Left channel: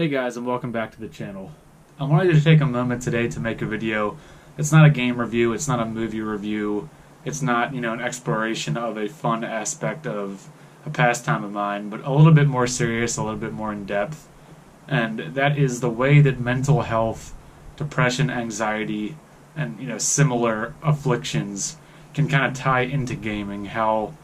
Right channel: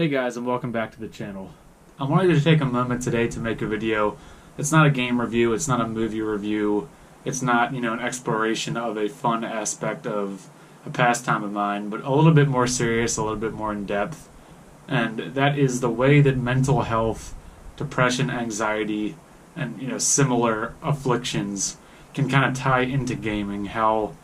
Hey guys, and welcome back to the channel. I wanted to take a moment today to make a video. It's not a game review, it's not a movie review, it's not, an exploration of a fun aspect of a pastime of mine, but a little bit more serious, a little bit more in depth. And that is the way that mental health, depression, anxiety, and similar afflictions can kind of tie into gaming. How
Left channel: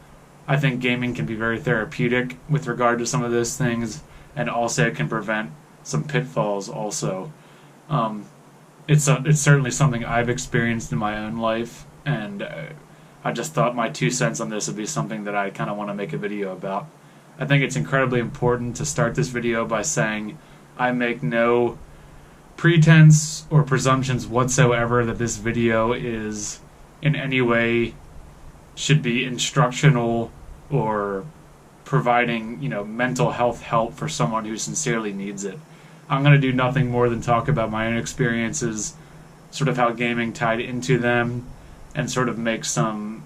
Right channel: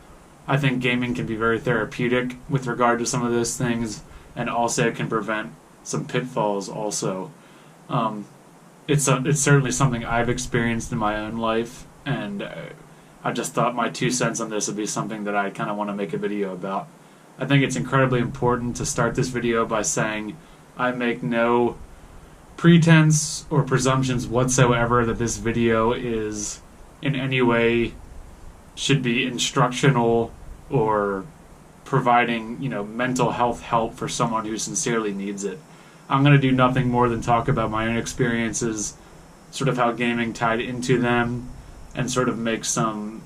I think gaming can be very therapeutic with regard to some of those things, and also can prevent some pitfalls also. It's certainly something I've experienced in my own life, and I just thought my 2 cents on this would be something that I kind of want to make a video about. I think it's incredibly important to start this video by saying I make no pretense or presumptions whatsoever that this video is in any way should be instructional or providing, mental health help for someone who sincerely needs it. I'm going to do nothing more than talk about my own experiences, sort of how gaming tied into them, and sort of make some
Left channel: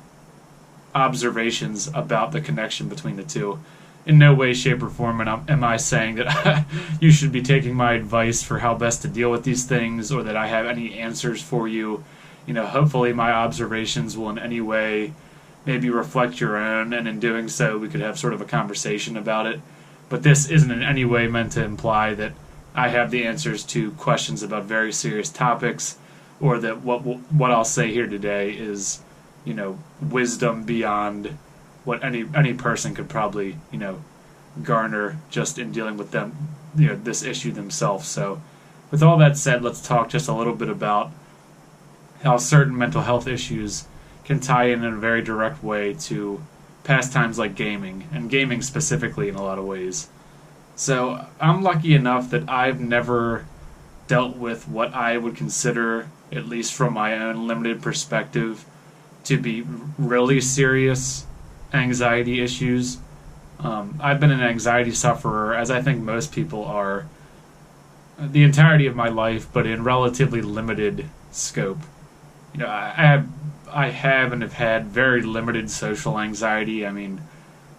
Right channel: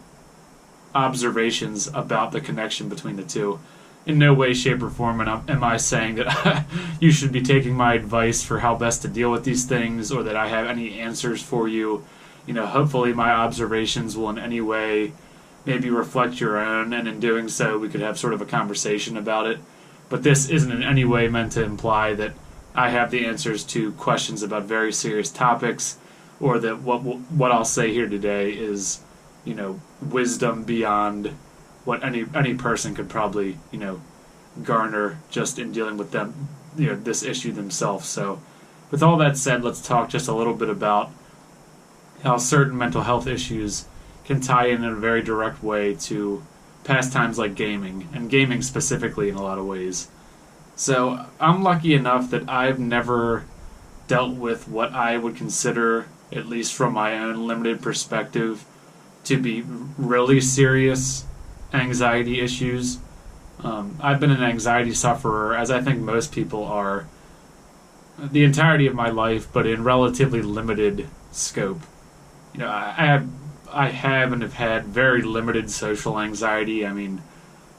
observations about the connection between the two. In no way, shape, or form am I saying that you should be taking my advice for how best to deal with these things, or that I have any answers for you. Hopefully my observations will in any way maybe reflect your own, and in doing so we could have sort of a conversation about it. But this isn't in any way meant to imply that I have the answers to questions about very serious topics, or that what I'll say here today is, wisdom beyond what any person could probably, garner just in dealing with them, this issue themselves. So with all that said, let's talk just a little bit about how certain mental health issues can tie in a very direct way to pastimes like gaming, and gaming specifically in a lot of ways. So I'm lucky enough that I've never dealt with what I would consider, at least from my own limited perspective, to be really serious anxiety issues. I've been an anxiety sufferer, as I think most people are, the entirety of my life, but in relatively limited scope. I have and have had very limited social anxiety. I mean,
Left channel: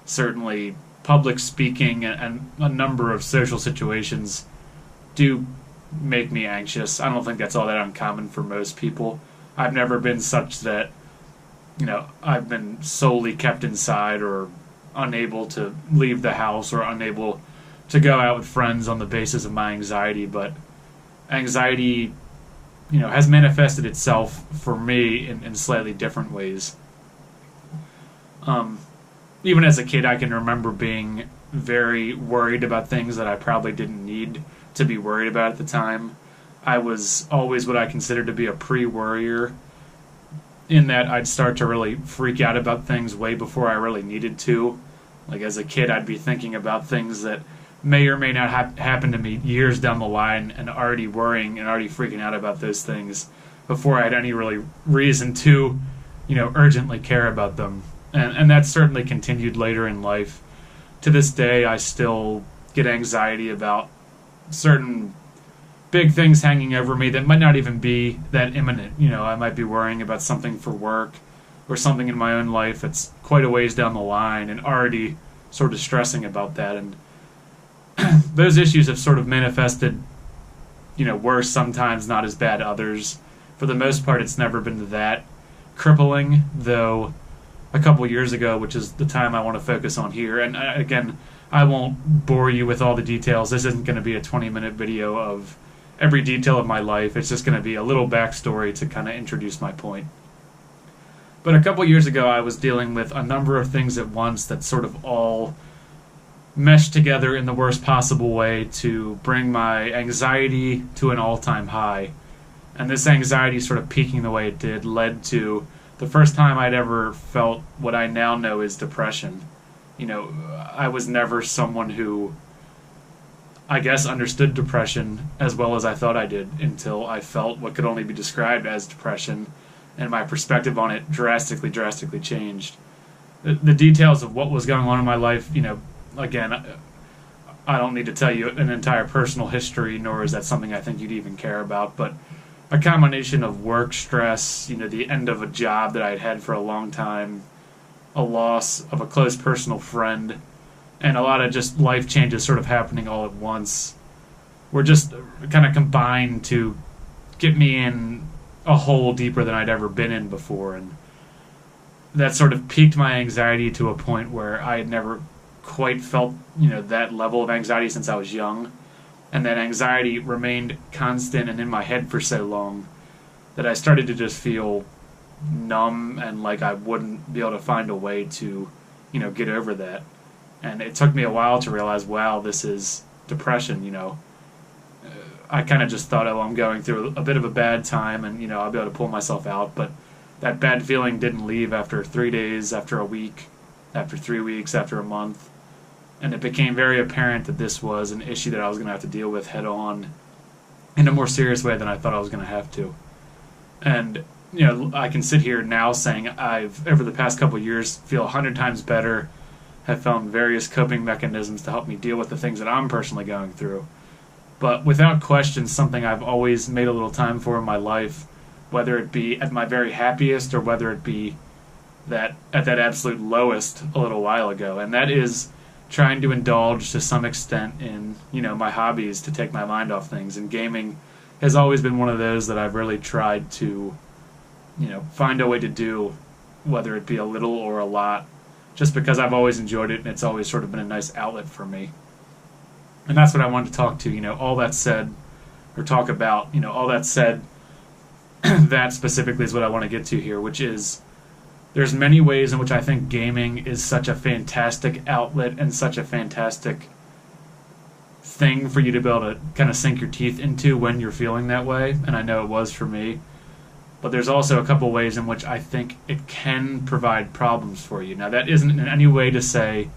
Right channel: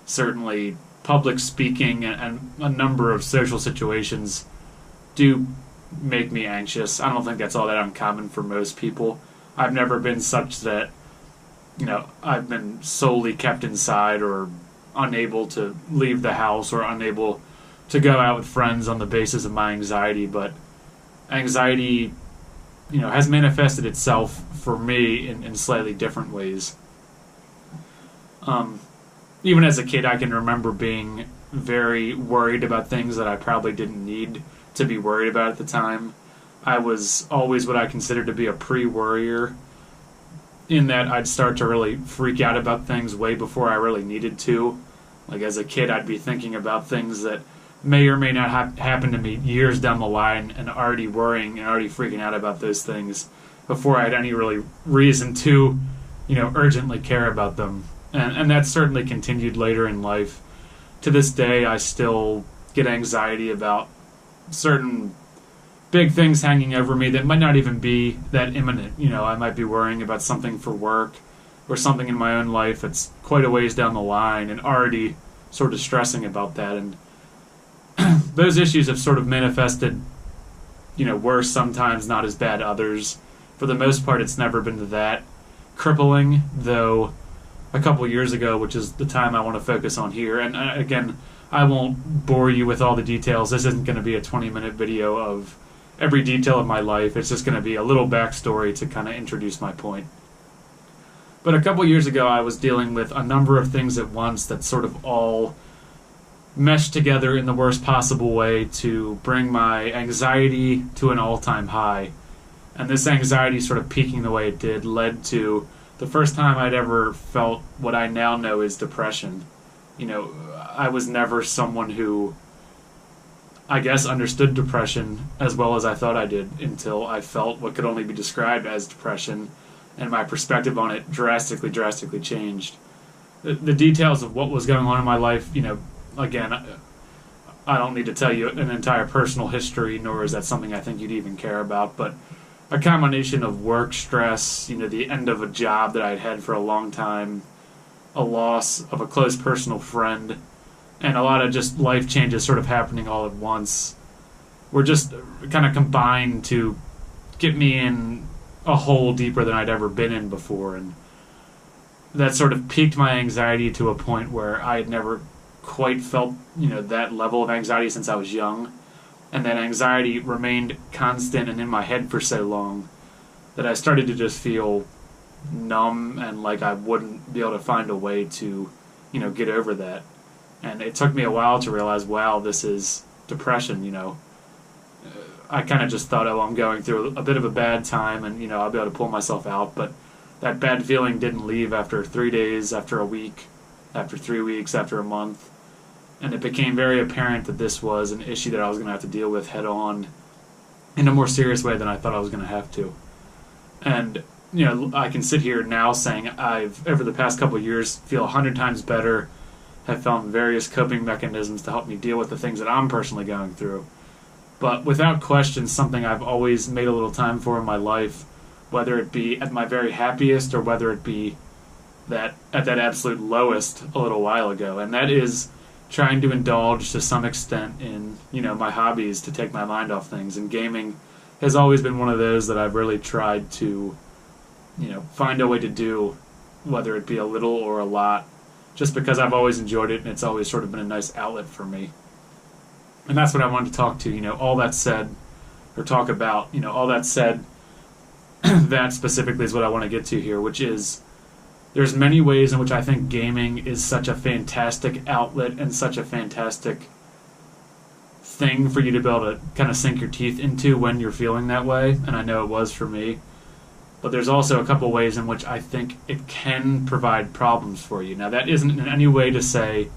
certainly public speaking and a number of social situations do make me anxious. I don't think that's all that uncommon for most people. I've never been such that, I've been solely kept inside or unable to leave the house or unable to go out with friends on the basis of my anxiety, but anxiety has manifested itself for me in slightly different ways. Even as a kid, I can remember being very worried about things that I probably didn't need to be worried about at the time. I was always what I considered to be a pre-worrier, in that I'd start to really freak out about things way before I really needed to. Like as a kid, I'd be thinking about things that may or may not happen to me years down the line, and already worrying and already freaking out about those things before I had any really reason to, urgently care about them. And that certainly continued later in life. To this day, I still get anxiety about certain big things hanging over me that might not even be that imminent. I might be worrying about something for work or something in my own life that's quite a ways down the line, and already sort of stressing about that. And those issues have sort of manifested, worse sometimes, not as bad others. For the most part, it's never been that crippling, though a couple years ago, which is the time I want to focus on here. And again, I won't bore you with all the details. This isn't going to be a 20-minute video of every detail of my life. It's just going to be a little backstory to kind of introduce my point. But a couple years ago, I was dealing with a number of things at once that sort of all meshed together in the worst possible way to bring my anxiety to an all-time high. And this anxiety sort of peaking the way it did led to the first time I'd ever felt what I now know is depression. I was never someone who, I guess, understood depression as well as I thought I did, until I felt what could only be described as depression, and my perspective on it drastically changed. The details of what was going on in my life, again, I don't need to tell you an entire personal history, nor is that something I think you'd even care about, but a combination of work stress, the end of a job that I'd had for a long time, a loss of a close personal friend, and a lot of just life changes sort of happening all at once, were just kind of combined to get me in a hole deeper than I'd ever been in before. And that sort of piqued my anxiety to a point where I had never quite felt, that level of anxiety since I was young. And that anxiety remained constant and in my head for so long that I started to just feel numb and like I wouldn't be able to find a way to, get over that. And it took me a while to realize, wow, this is depression, I kind of just thought, oh, I'm going through a bit of a bad time and, I'll be able to pull myself out. But that bad feeling didn't leave after 3 days, after a week, after 3 weeks, after a month. And it became very apparent that this was an issue that I was going to have to deal with head on in a more serious way than I thought I was going to have to. And, I can sit here now saying I've, over the past couple of years, feel 100 times better, have found various coping mechanisms to help me deal with the things that I'm personally going through. But without question, something I've always made a little time for in my life, whether it be at my very happiest or whether it be that at that absolute lowest a little while ago. And that is trying to indulge to some extent in, my hobbies to take my mind off things. And gaming has always been one of those that I've really tried to, find a way to do, whether it be a little or a lot, just because I've always enjoyed it and it's always sort of been a nice outlet for me. And that's what I wanted to talk to, all that said, or talk about, all that said, that specifically is what I want to get to here, which is there's many ways in which I think gaming is such a fantastic outlet and such a fantastic thing for you to be able to kind of sink your teeth into when you're feeling that way, and I know it was for me. But there's also a couple ways in which I think it can provide problems for you. Now, that isn't in any way to say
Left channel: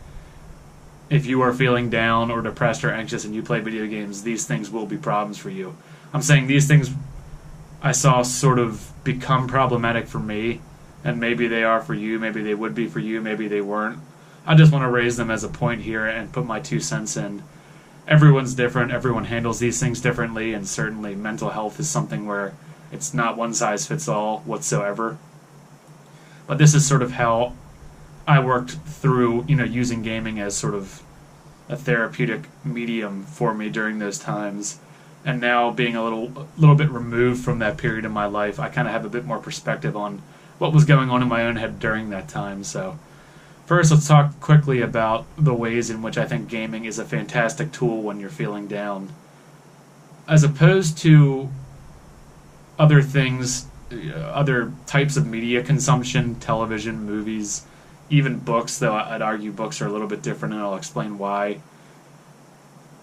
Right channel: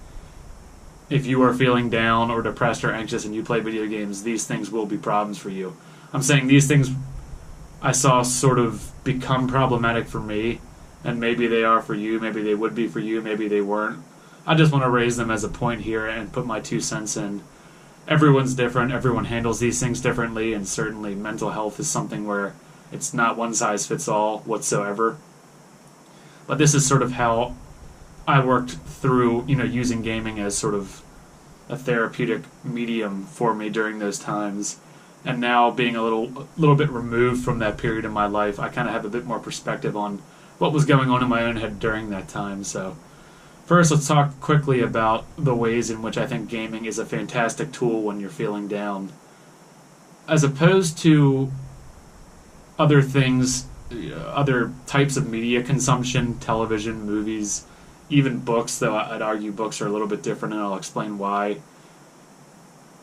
if you are feeling down or depressed or anxious and you play video games, these things will be problems for you. I'm saying these things I saw sort of become problematic for me, and maybe they are for you, maybe they would be for you, maybe they weren't. I just want to raise them as a point here and put my 2 cents in. Everyone's different, everyone handles these things differently, and certainly mental health is something where it's not one size fits all whatsoever. But this is sort of how I worked through, using gaming as sort of a therapeutic medium for me during those times. And now being a little bit removed from that period in my life, I kind of have a bit more perspective on what was going on in my own head during that time. So first, let's talk quickly about the ways in which I think gaming is a fantastic tool when you're feeling down. As opposed to other things, other types of media consumption, television, movies, even books, though I'd argue books are a little bit different, and I'll explain why.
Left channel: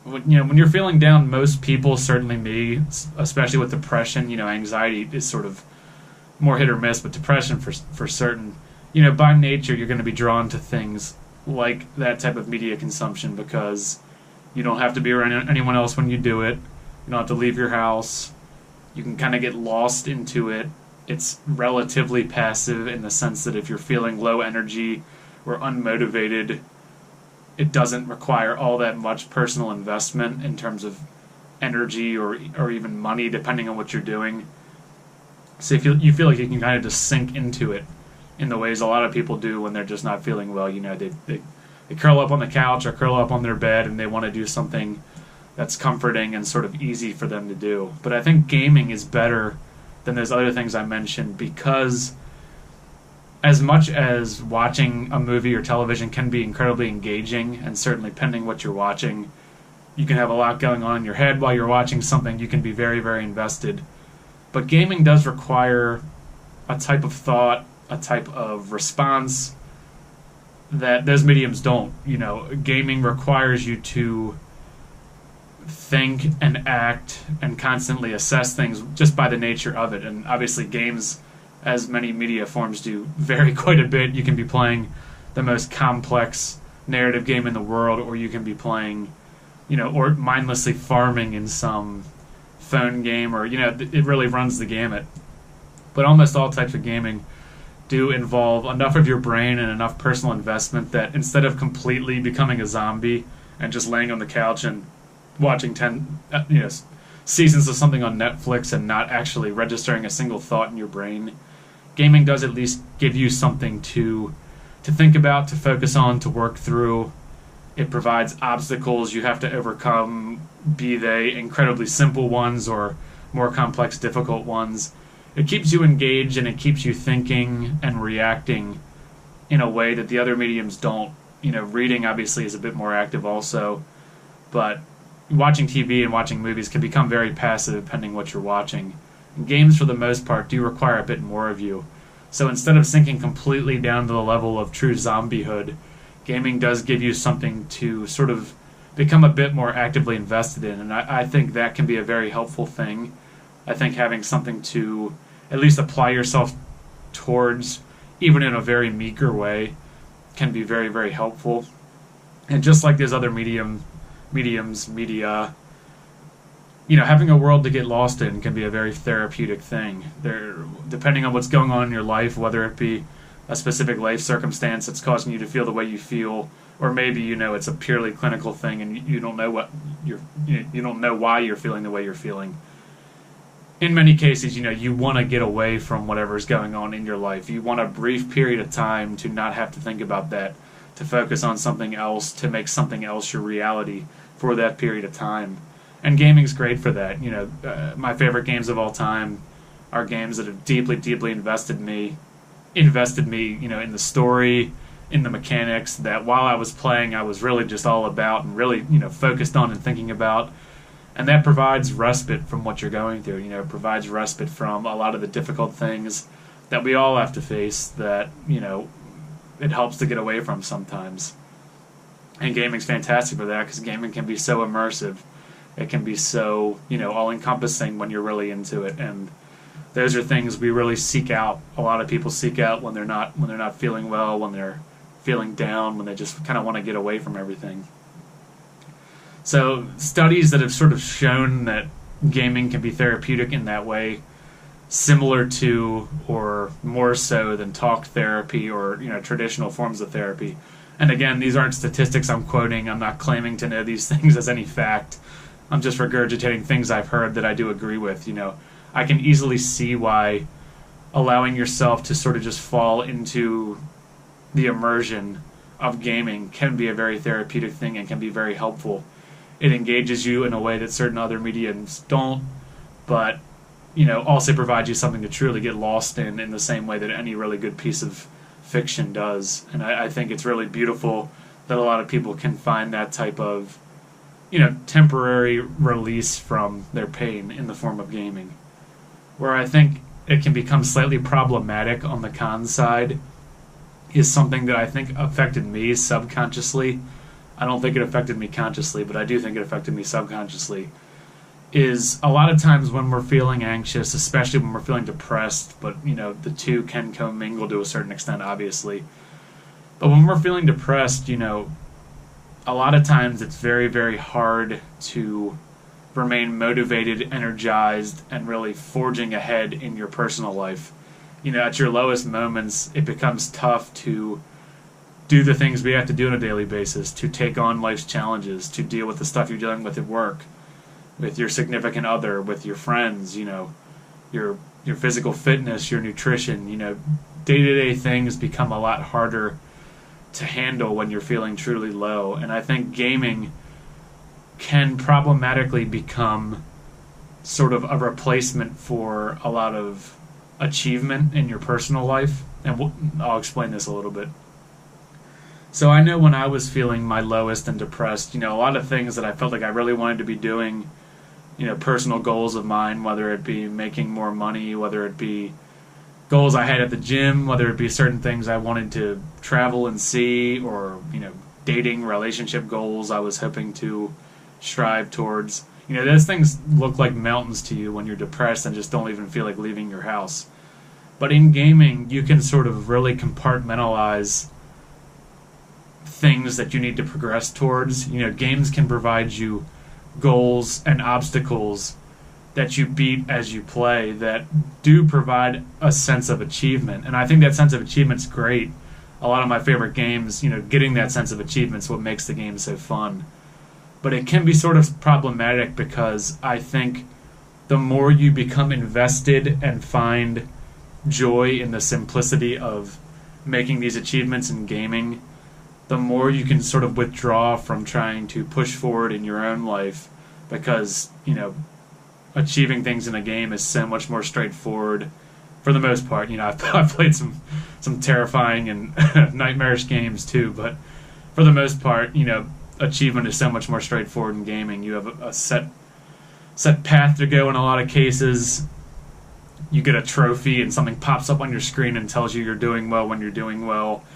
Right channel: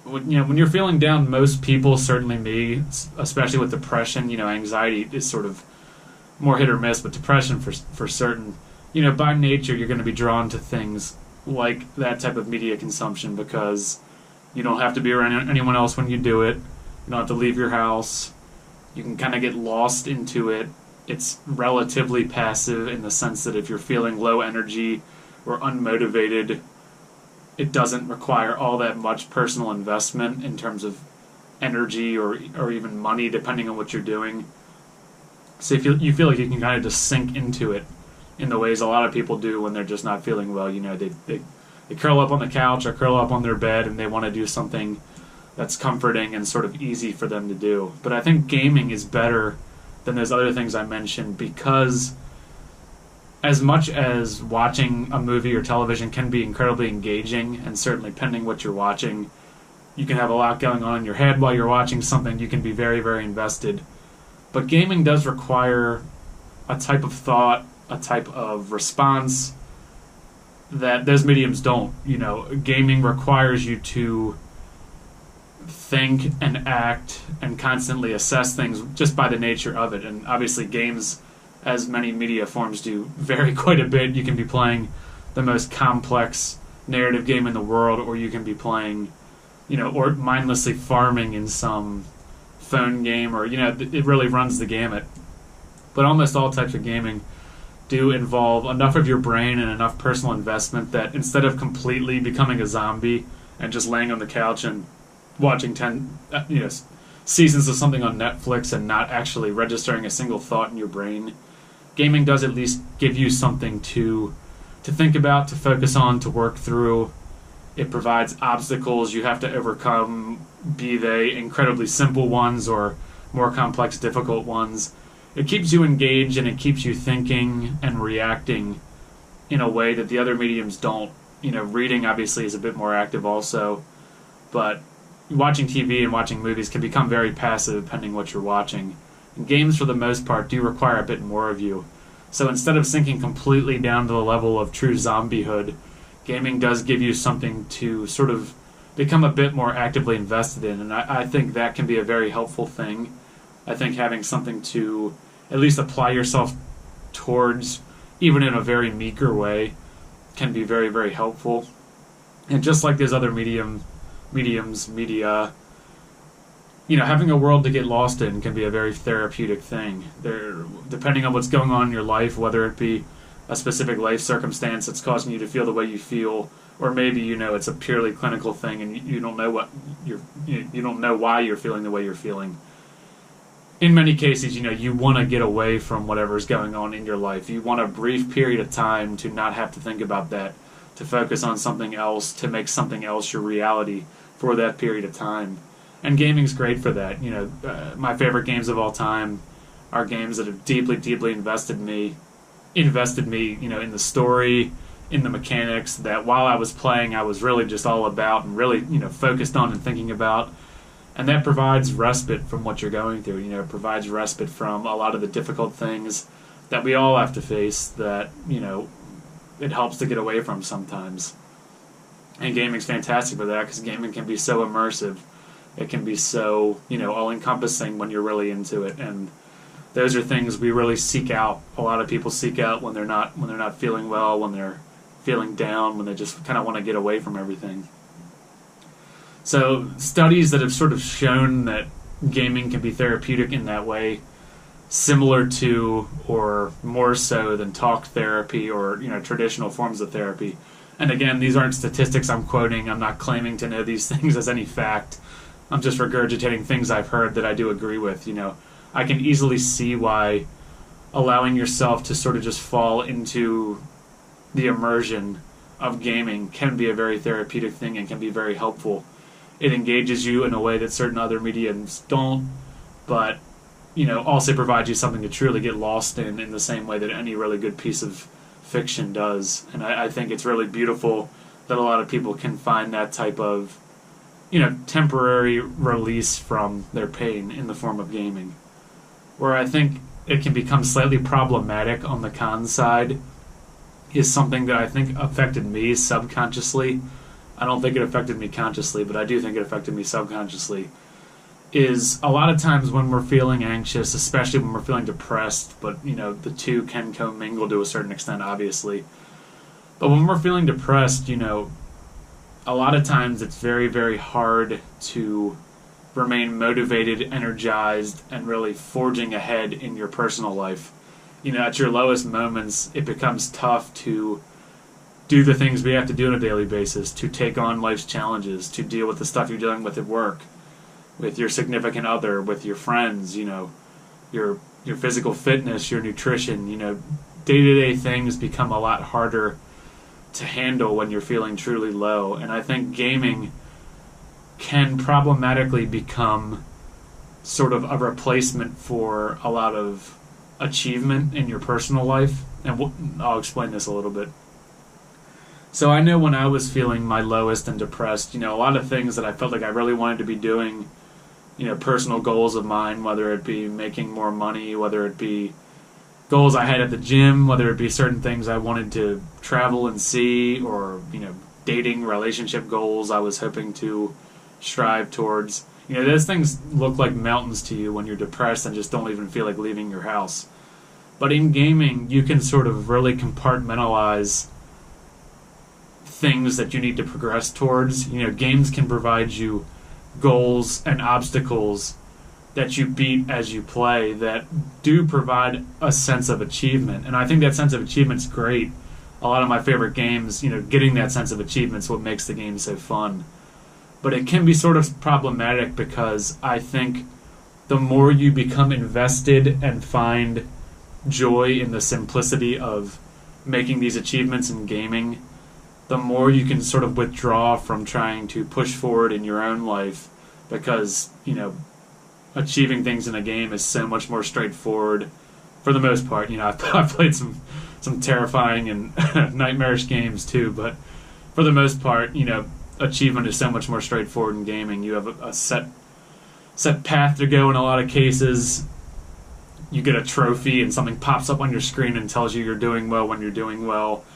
When you're feeling down, most people, certainly me, especially with depression, anxiety is sort of more hit or miss, but depression for certain, by nature you're going to be drawn to things like that type of media consumption because you don't have to be around anyone else when you do it. You don't have to leave your house. You can kind of get lost into it. It's relatively passive in the sense that if you're feeling low energy or unmotivated, it doesn't require all that much personal investment in terms of energy or even money, depending on what you're doing. So if you feel like you can kind of just sink into it in the ways a lot of people do when they're just not feeling well. They curl up on the couch or curl up on their bed and they want to do something that's comforting and sort of easy for them to do. But I think gaming is better than those other things I mentioned because as much as watching a movie or television can be incredibly engaging, and certainly pending what you're watching, you can have a lot going on in your head while you're watching something. You can be very, very invested. But gaming does require a type of thought, a type of response that those mediums don't. Gaming requires you to think and act and constantly assess things just by the nature of it. And obviously games, as many media forms do, vary quite a bit. You can be playing the most complex narrative game in the world, or you can be playing, or mindlessly farming in some phone game, or, it really runs the gamut. But almost all types of gaming do involve enough of your brain and enough personal investment that instead of completely becoming a zombie and just laying on the couch and watching 10 seasons of something on Netflix and not actually registering a single thought in your brain, gaming does at least give you something to think about, to focus on, to work through. It provides obstacles you have to overcome, be they incredibly simple ones or more complex, difficult ones. It keeps you engaged and it keeps you thinking and reacting in a way that the other mediums don't. Reading obviously is a bit more active also, but watching TV and watching movies can become very passive depending what you're watching. And games, for the most part, do require a bit more of you. So instead of sinking completely down to the level of true zombiehood, gaming does give you something to sort of become a bit more actively invested in, and I think that can be a very helpful thing. I think having something to at least apply yourself towards, even in a very meager way, can be very, very helpful. And just like these other media, having a world to get lost in can be a very therapeutic thing. Depending on what's going on in your life, whether it be a specific life circumstance that's causing you to feel the way you feel, or maybe it's a purely clinical thing and you don't know you don't know why you're feeling the way you're feeling. In many cases, you want to get away from whatever's going on in your life. You want a brief period of time to not have to think about that, to focus on something else, to make something else your reality for that period of time. And gaming's great for that. My favorite games of all time are games that have deeply, deeply invested me, in the story, in the mechanics, that while I was playing, I was really just all about and really, focused on and thinking about. And that provides respite from what you're going through. It provides respite from a lot of the difficult things that we all have to face that, it helps to get away from sometimes. And gaming's fantastic for that because gaming can be so immersive. It can be so, all-encompassing when you're really into it. And those are things we really seek out. A lot of people seek out when they're not feeling well, when they're feeling down, when they just kind of want to get away from everything. So studies that have sort of shown that gaming can be therapeutic in that way, similar to or more so than talk therapy or traditional forms of therapy. And again, these aren't statistics I'm quoting. I'm not claiming to know these things as any fact. I'm just regurgitating things I've heard that I do agree with. I can easily see why allowing yourself to sort of just fall into the immersion of gaming can be a very therapeutic thing and can be very helpful. It engages you in a way that certain other mediums don't, but also provides you something to truly get lost in the same way that any really good piece of fiction does. And I think it's really beautiful that a lot of people can find that type of temporary release from their pain in the form of gaming. Where I think it can become slightly problematic on the con side is something that I think affected me subconsciously. I don't think it affected me consciously, but I do think it affected me subconsciously, is a lot of times when we're feeling anxious, especially when we're feeling depressed, but the two can commingle to a certain extent, obviously. But when we're feeling depressed, a lot of times it's very, very hard to remain motivated, energized, and really forging ahead in your personal life. At your lowest moments, it becomes tough to do the things we have to do on a daily basis, to take on life's challenges, to deal with the stuff you're dealing with at work, with your significant other, with your friends, your physical fitness, your nutrition. Day-to-day things become a lot harder to handle when you're feeling truly low. And I think gaming can problematically become sort of a replacement for a lot of achievement in your personal life. And I'll explain this a little bit. So I know when I was feeling my lowest and depressed, a lot of things that I felt like I really wanted to be doing, personal goals of mine, whether it be making more money, whether it be goals I had at the gym, whether it be certain things I wanted to travel and see, or, dating, relationship goals I was hoping to strive towards. Those things look like mountains to you when you're depressed and just don't even feel like leaving your house. But in gaming, you can sort of really compartmentalize things that you need to progress towards. Games can provide you goals and obstacles that you beat as you play that do provide a sense of achievement. And I think that sense of achievement's great. A lot of my favorite games, getting that sense of achievement is what makes the game so fun. But it can be sort of problematic because I think the more you become invested and find joy in the simplicity of making these achievements in gaming, the more you can sort of withdraw from trying to push forward in your own life, because, achieving things in a game is so much more straightforward for the most part. I've played some terrifying and nightmarish games too, but for the most part, achievement is so much more straightforward in gaming. You have a set path to go in a lot of cases. You get a trophy and something pops up on your screen and tells you you're doing well when you're doing well.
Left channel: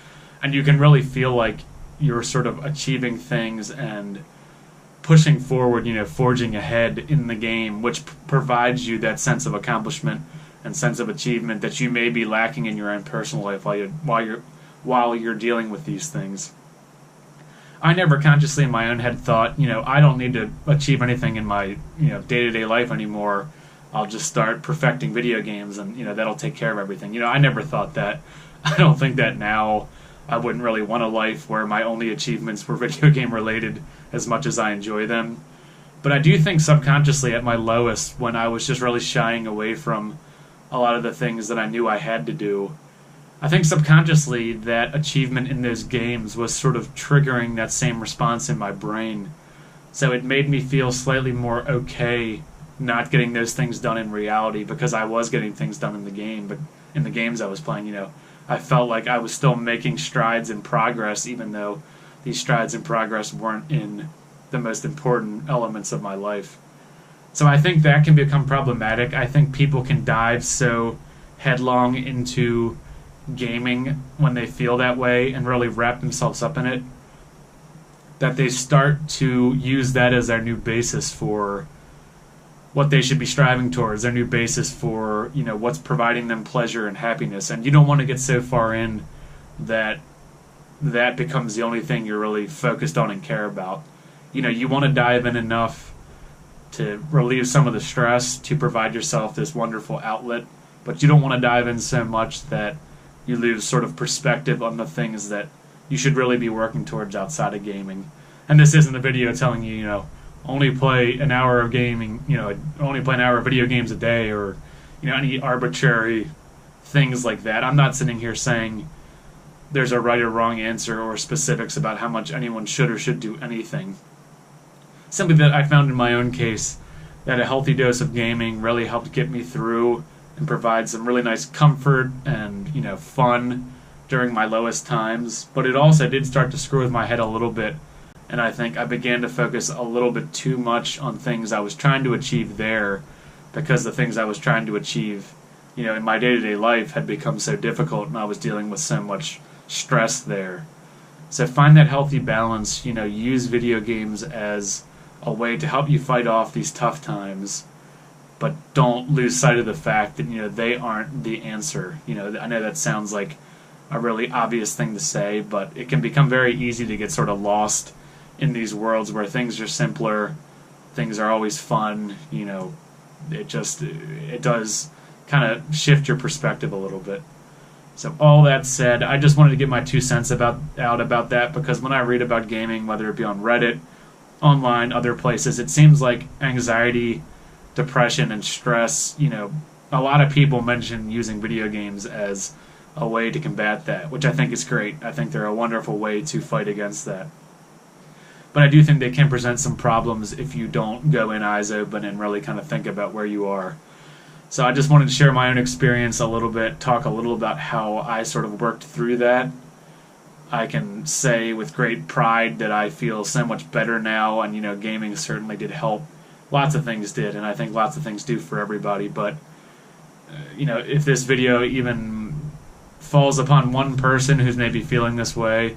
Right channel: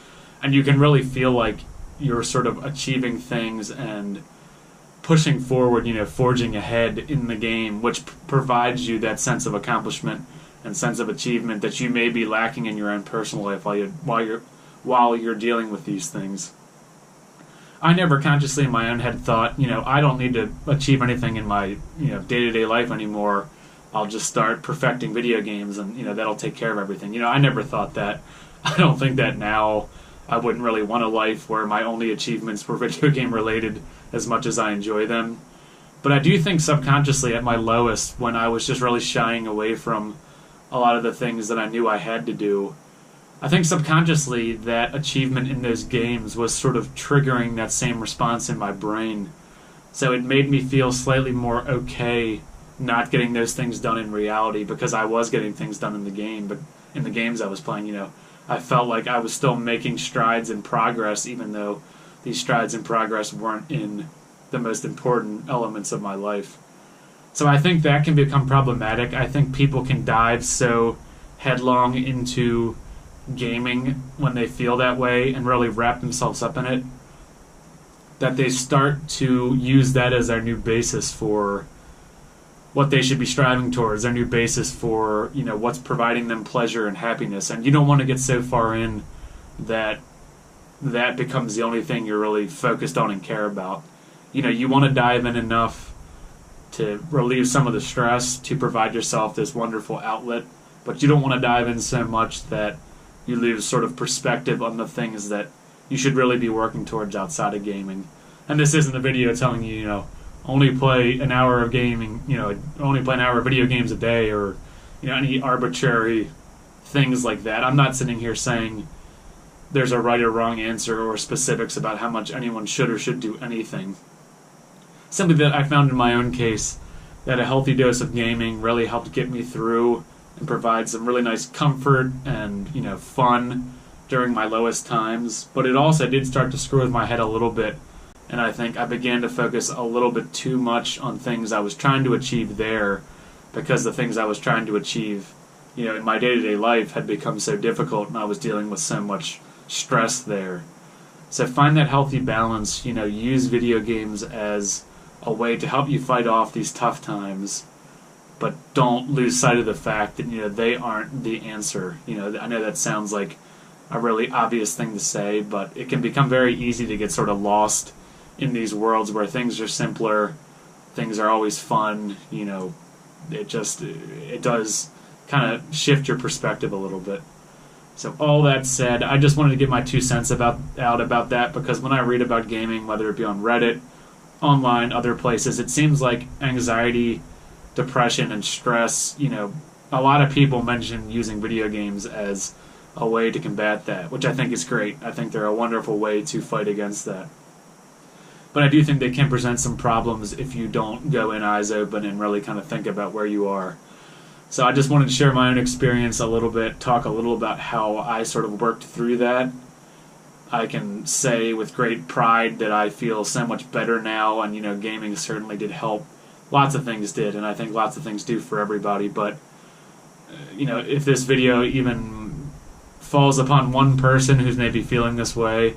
And you can really feel like you're sort of achieving things and pushing forward, forging ahead in the game, which provides you that sense of accomplishment and sense of achievement that you may be lacking in your own personal life while you're dealing with these things. I never consciously in my own head thought, I don't need to achieve anything in my, day-to-day life anymore. I'll just start perfecting video games and, that'll take care of everything. I never thought that. I don't think that now. I wouldn't really want a life where my only achievements were video game related as much as I enjoy them. But I do think subconsciously at my lowest, when I was just really shying away from a lot of the things that I knew I had to do, I think subconsciously that achievement in those games was sort of triggering that same response in my brain. So it made me feel slightly more okay not getting those things done in reality, because I was getting things done in the game, but in the games I was playing, I felt like I was still making strides in progress, even though these strides in progress weren't in the most important elements of my life. So I think that can become problematic. I think people can dive so headlong into gaming when they feel that way and really wrap themselves up in it, that they start to use that as their new basis for what they should be striving towards, their new basis for, what's providing them pleasure and happiness. And you don't want to get so far in that that becomes the only thing you're really focused on and care about. You want to dive in enough to relieve some of the stress, to provide yourself this wonderful outlet, but you don't want to dive in so much that you lose sort of perspective on the things that you should really be working towards outside of gaming. And this isn't a video telling you, only play an hour of gaming, only play an hour of video games a day, or, any arbitrary things like that. I'm not sitting here saying there's a right or wrong answer or specifics about how much anyone should or should do anything. Simply that I found in my own case that a healthy dose of gaming really helped get me through and provide some really nice comfort and, fun during my lowest times. But it also did start to screw with my head a little bit. And I think I began to focus a little bit too much on things I was trying to achieve there, because the things I was trying to achieve, in my day-to-day life had become so difficult, and I was dealing with so much stress there. So find that healthy balance, use video games as a way to help you fight off these tough times, but don't lose sight of the fact that, they aren't the answer. I know that sounds like a really obvious thing to say, but it can become very easy to get sort of lost in these worlds where things are simpler, things are always fun. It does kind of shift your perspective a little bit. So all that said, I just wanted to get my 2 cents out about that, because when I read about gaming, whether it be on Reddit, online, other places, it seems like anxiety, depression, and stress, a lot of people mention using video games as a way to combat that, which I think is great. I think they're a wonderful way to fight against that. But I do think they can present some problems if you don't go in eyes open and really kind of think about where you are. So I just wanted to share my own experience a little bit, talk a little about how I sort of worked through that. I can say with great pride that I feel so much better now, and, gaming certainly did help. Lots of things did, and I think lots of things do for everybody. But, if this video even falls upon one person who's maybe feeling this way,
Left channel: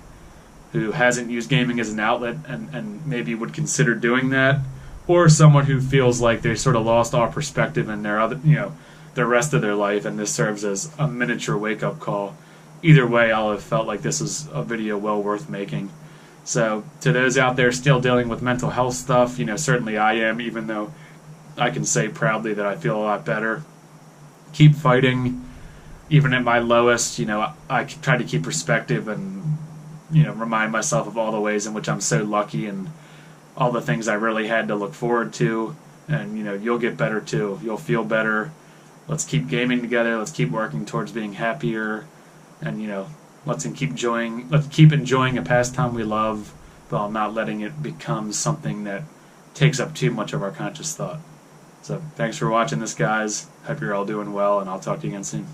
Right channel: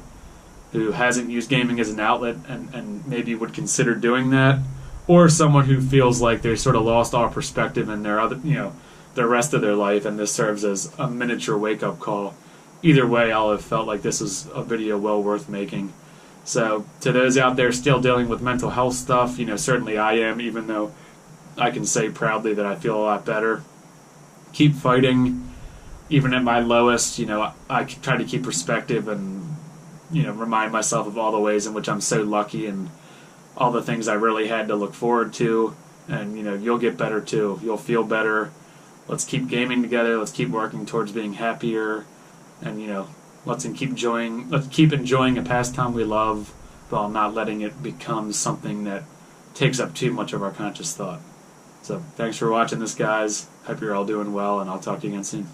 who hasn't used gaming as an outlet and maybe would consider doing that, or someone who feels like they sort of lost all perspective in their the rest of their life, and this serves as a miniature wake-up call. Either way, I'll have felt like this is a video well worth making. So to those out there still dealing with mental health stuff, certainly I am, even though I can say proudly that I feel a lot better. Keep fighting. Even at my lowest, I try to keep perspective and remind myself of all the ways in which I'm so lucky and all the things I really had to look forward to. And, you'll get better too. You'll feel better. Let's keep gaming together. Let's keep working towards being happier. And, Let's keep enjoying a pastime we love, while not letting it become something that takes up too much of our conscious thought. So thanks for watching this, guys. Hope you're all doing well, and I'll talk to you again soon.